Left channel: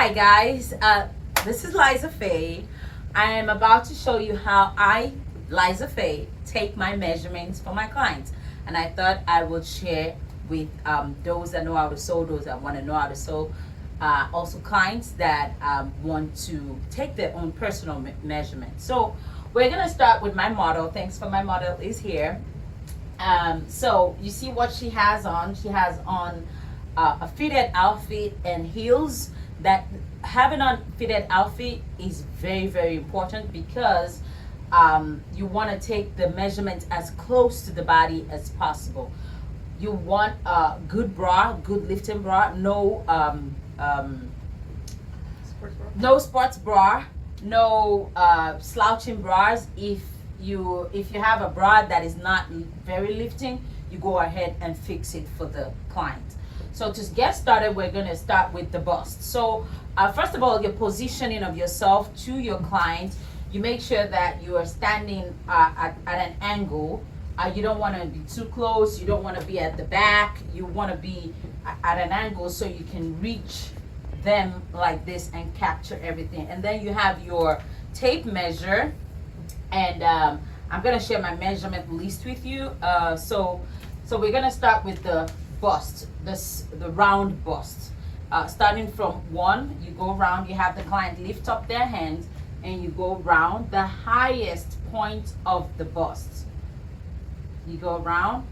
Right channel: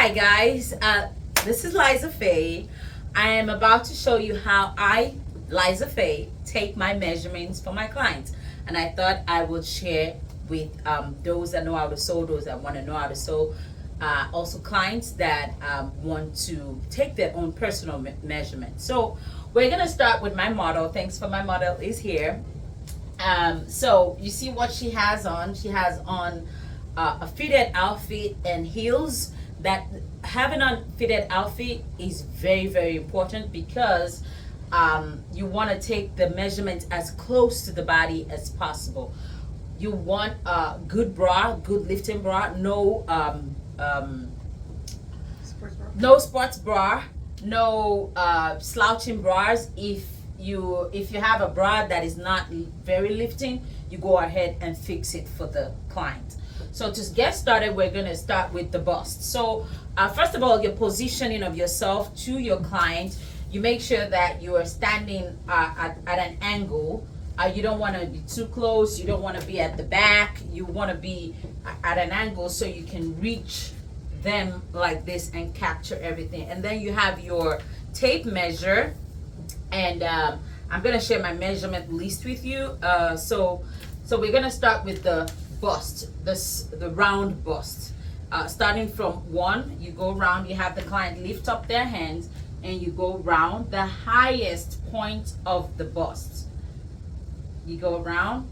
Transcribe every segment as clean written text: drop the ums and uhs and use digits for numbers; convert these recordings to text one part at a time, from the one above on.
Hi guys, this is Liza Faye. I am about to show you how I, Liza Faye, take my measurements for my clients. And I thought I would share with those that know how to sew, those that want to know how to sew, also clients that want to take their own personal measurement. So we're going to start with my model. Thanks for my model is here. So you see what she has on. She has on a fitted outfit and heels. That having a fitted outfit is very, very important because you want to take the measurement as close to the body as possible. You want a good bra, good lifting bra, no sports bra, no slouching bras. If you have a bra that is not very lifting, you go ahead and fix it for the client. So to get started, we're going to start with the bust. So first of all, your positioning of yourself to your client, you make sure that you are standing at an angle. You don't want to be too close. You don't want to be at the back. You want to be at an angle so you can reach them like this and capture everything. And then you have your tape measure. And I'm going to share my measurement list with you. So we're going to start with the bust, the round bust. Starting from 1, you go round, you have the client lift up their hands and you go round the highest point of the bust. You go around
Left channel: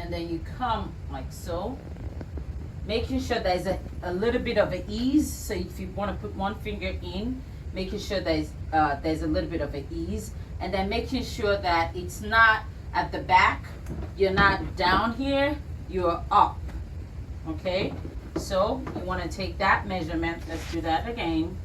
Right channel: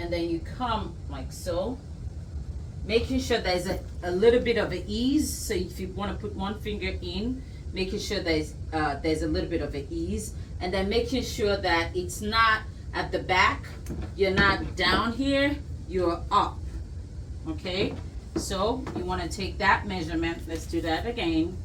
and then you come like so, making sure there's a little bit of an ease. So if you want to put one finger in, making sure there's a little bit of an ease, and then making sure that it's not at the back, you're not down here, you're up. Okay, so you want to take that measurement. Let's do that again.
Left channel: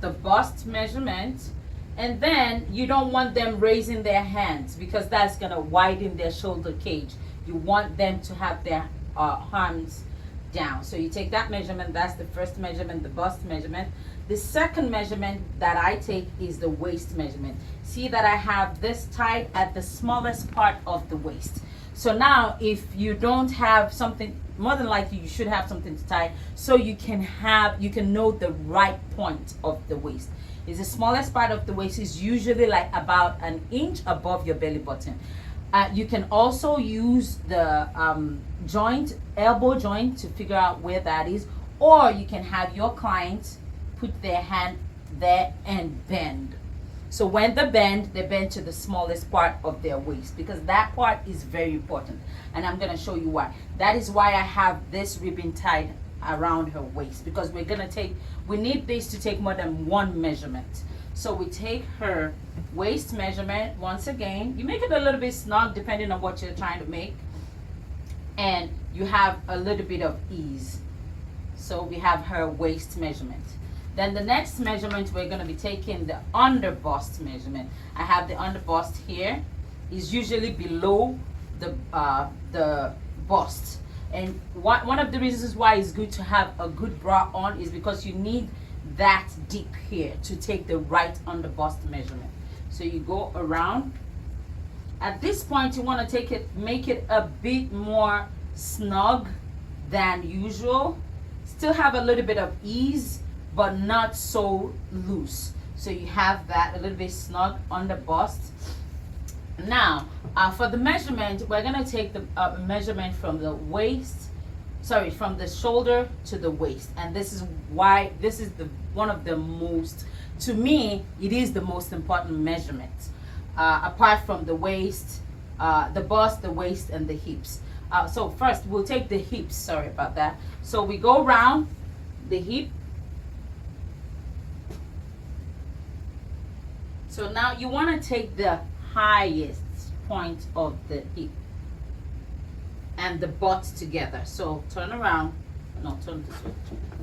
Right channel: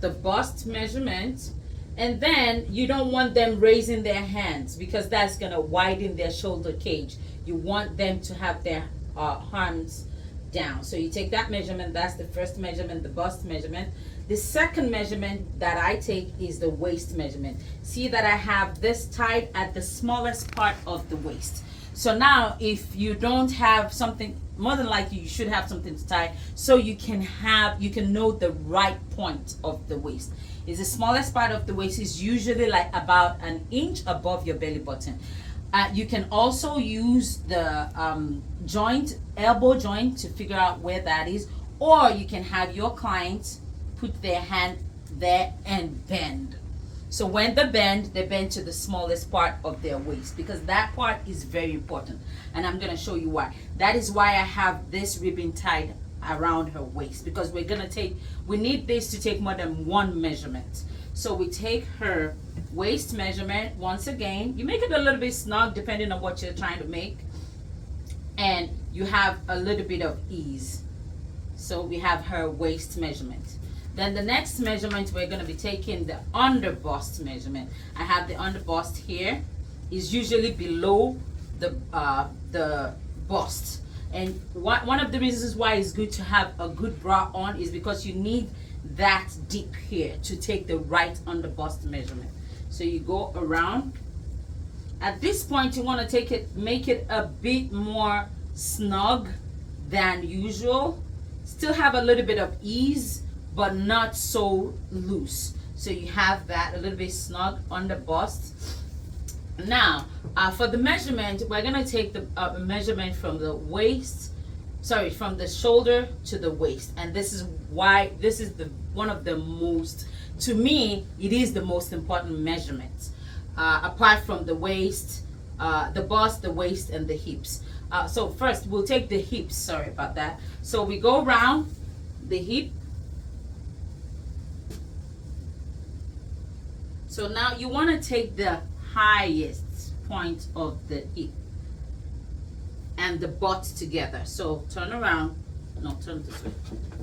The bust measurement, and then you don't want them raising their hands because that's going to widen their shoulder cage. You want them to have their arms down. So you take that measurement. That's the first measurement, the bust measurement. The second measurement that I take is the waist measurement. See that I have this tied at the smallest part of the waist. So now if you don't have something, more than likely you should have something to tie so you can know the right point of the waist. Is the smallest part of the waist is usually like about an inch above your belly button. You can also use the elbow joint to figure out where that is, or you can have your client put their hand there and bend. So when they bend to the smallest part of their waist because that part is very important. And I'm going to show you why. That is why I have this ribbon tied around her waist because we need this to take more than one measurement. So we take her waist measurement once again. You make it a little bit snug depending on what you're trying to make. And you have a little bit of ease. So we have her waist measurement. Then the next measurement, we're going to be taking the under bust measurement. I have the under bust here. Is usually below the bust. And one of the reasons why it's good to have a good bra on is because you need that deep here to take the right under bust measurement. So you go around. At this point, you want to make it a bit more snug than usual. Still have a little bit of ease, but not so loose. So you have that a little bit snug on the bust. Now, for the measurement, we're gonna take the measurement from the from the shoulder to the waist. And this is why this is one of the most, to me, it is the most important measurement. Apart from the waist, the bust, the waist, and the hips. So first, we'll take the hips, sorry about that. So we go around the hip. So now you want to take the highest point of the hip and the butt together. So turn around. No, turn this way.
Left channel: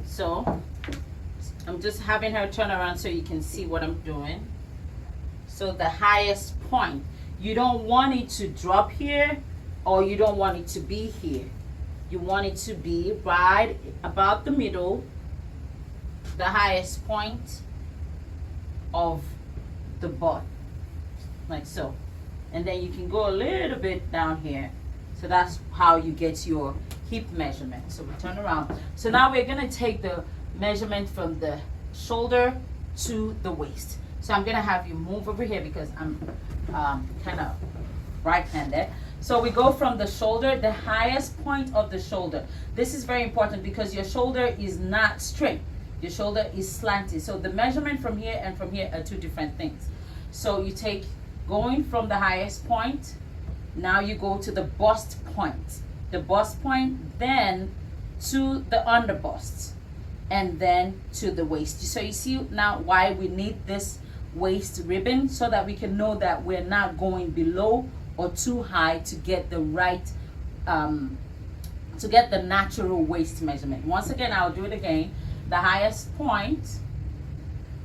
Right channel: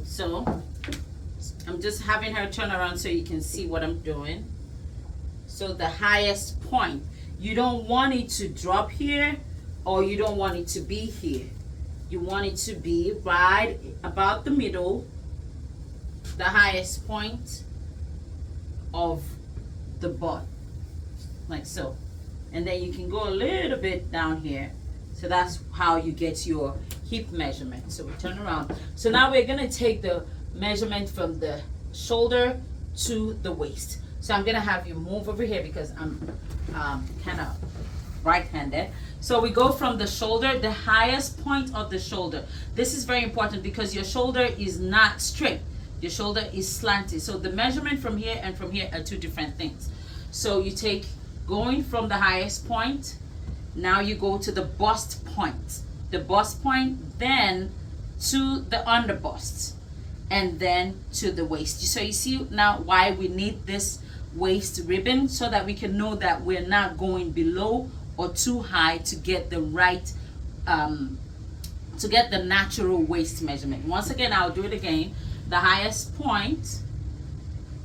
So I'm just having her turn around so you can see what I'm doing. So the highest point. You don't want it to drop here or you don't want it to be here. You want it to be right about the middle, the highest point of the butt, like so. And then you can go a little bit down here. So that's how you get your hip measurement. So we turn around. So now we're gonna take the measurement from the shoulder to the waist. So I'm gonna have you move over here because I'm kind of right-handed. So we go from the shoulder, the highest point of the shoulder. This is very important because your shoulder is not straight. Your shoulder is slanted. So the measurement from here and from here are two different things. So you take, going from the highest point, now you go to the bust point. The bust point, then to the under bust, and then to the waist. So you see now why we need this waist ribbon, so that we can know that we're not going below or too high to get the right, to get the natural waist measurement. Once again, I'll do it again. The highest point,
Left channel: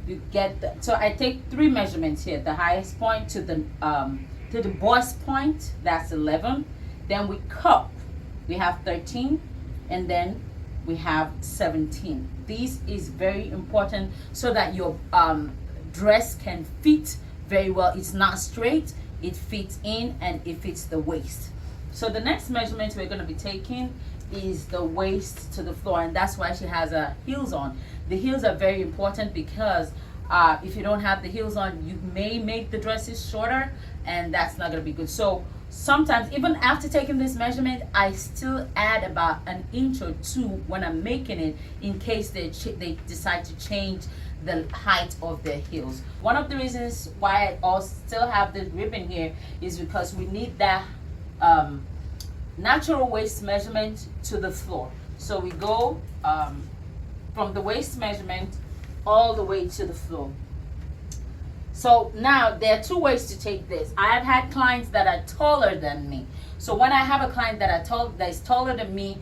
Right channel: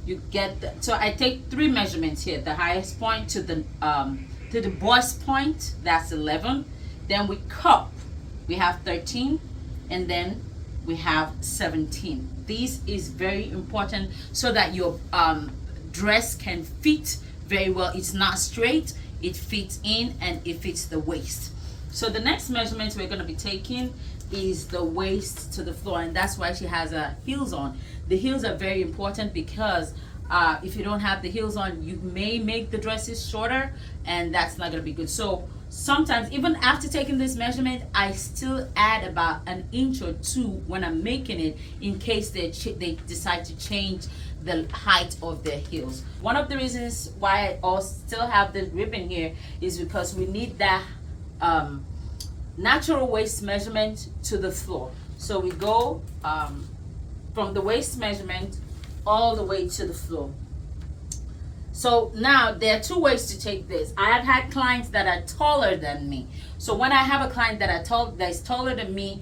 you get the, so I take 3 measurements here. The highest point to the bust point, that's 11. Then we cup, we have 13, and then we have 17. This is very important so that your dress can fit very well. It's not straight, it fits in, and it fits the waist. So the next measurement we're going to be taking is the waist to the floor, and that's why she has heels on. The heels are very important because if you don't have the heels on, you may make the dresses shorter, and that's not going to be good. So sometimes, even after taking this measurement, I still add about an inch or 2 when I'm making it, in case they decide to change the height of the heels. One of the reasons why I also still have this ribbon here is because we need that natural waist measurement to the floor. So we go from the waist measurement all the way to the floor. So now there are 2 ways to take this. I have had clients that are taller than me. So when I have a client that is taller than me,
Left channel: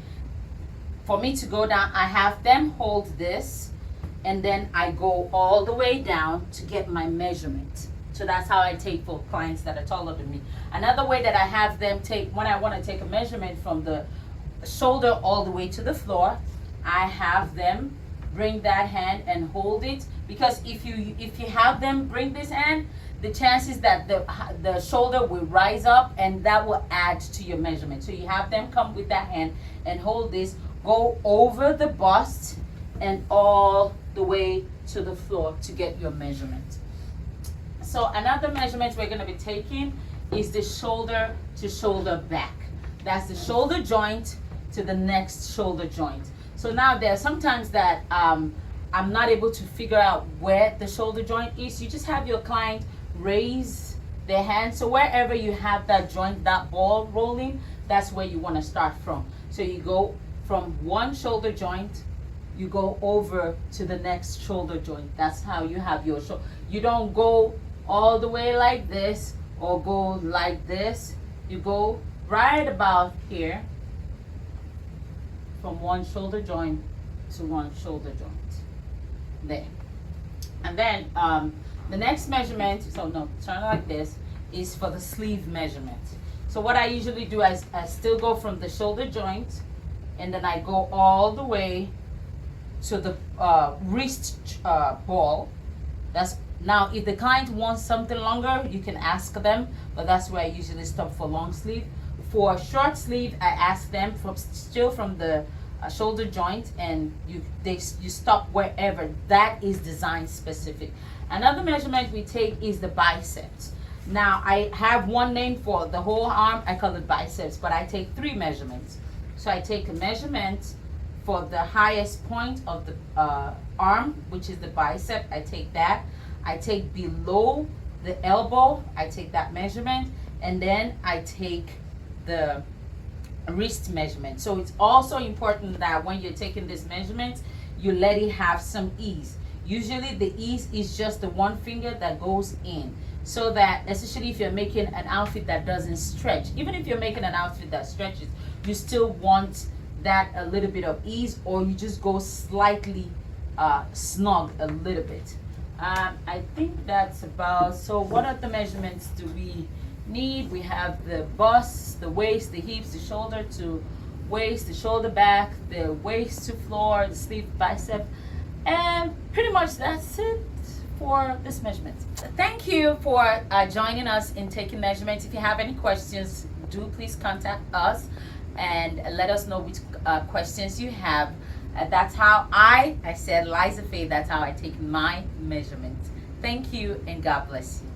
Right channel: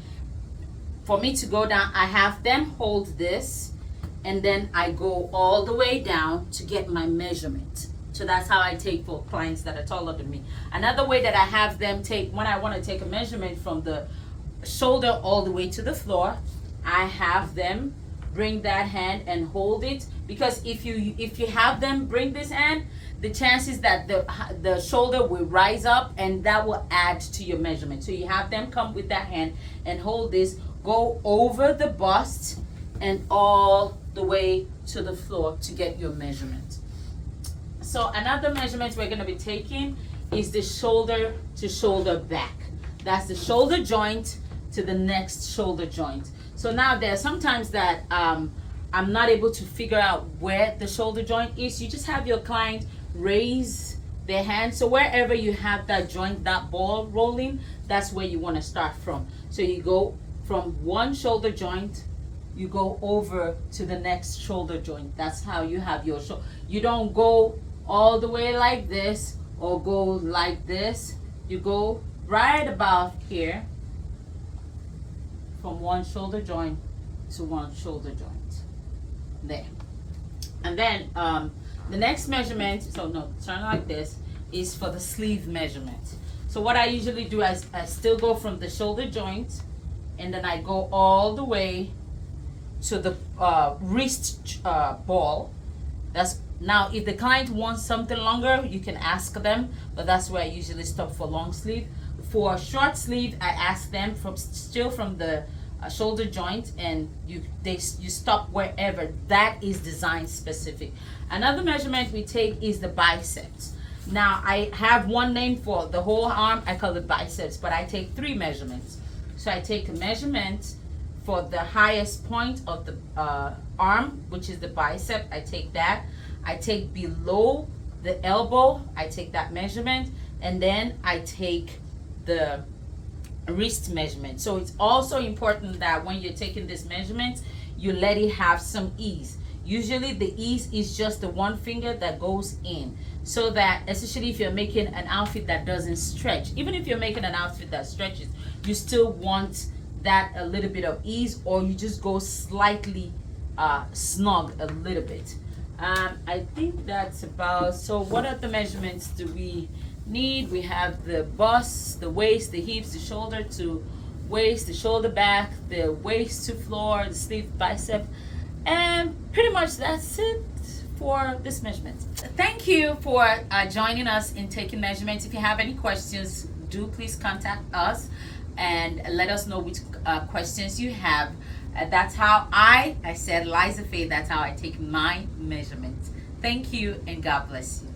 for me to go down, I have them hold this, and then I go all the way down to get my measurement. So that's how I take for clients that are taller than me. Another way that I have them take, when I want to take a measurement from the shoulder all the way to the floor, I have them bring that hand and hold it, because if you have them bring this hand, the chances that the shoulder will rise up, and that will add to your measurement. So you have them come with that hand and hold this, go over the bust and all the way to the floor to get your measurement. So another measurement we're going to be taking is the shoulder to shoulder back. That's the shoulder joint to the next shoulder joint. So now there are sometimes that I'm not able to figure out where the shoulder joint is. You just have your client raise their hand. So wherever you have that joint, that ball rolling, that's where you want to start from. So you go from one shoulder joint, you go over to the next shoulder joint. That's how you have your shoulder. You don't go all the way like this or go like this. You go right about here, from one shoulder joint to one shoulder joint. There. And then the next measurement, so no, turn like this, is for the sleeve measurement. So what I usually do, I still go from the shoulder joint, and then I go all the way to the wrist ball. That's now, if the client wants something longer, you can ask them, but that's where I usually stop for long sleeve. For short sleeve, I ask them still from the shoulder joint, and you stop wherever. That is design specific. Another measurement we take is the biceps. Now I have one name for the whole arm, I call it biceps, but I take 3 measurements. So I take a measurement for the highest point of the arm, which is the bicep. I take that. I take below the elbow, I take that measurement, and then I take the wrist measurement. So it's also important that when you're taking this measurement, you let it have some ease. Usually the ease is just the one finger that goes in, so that, especially if you're making an outfit that doesn't stretch, even if you're making an outfit that stretches, you still want that a little bit of ease, or you just go slightly snug a little bit. I think that's about, so what other measurements do we need? We have the bust, the waist, the hips, the shoulder to waist, the shoulder back, the waist to floor, the sleeve, bicep, and pretty much that's it for this measurement. Thank you for joining us in taking measurements. If you have any questions, do please contact us. and let us know which questions you have. That's how I said, Liza Faye, that's how I take my measurements. Thank you, and God bless you.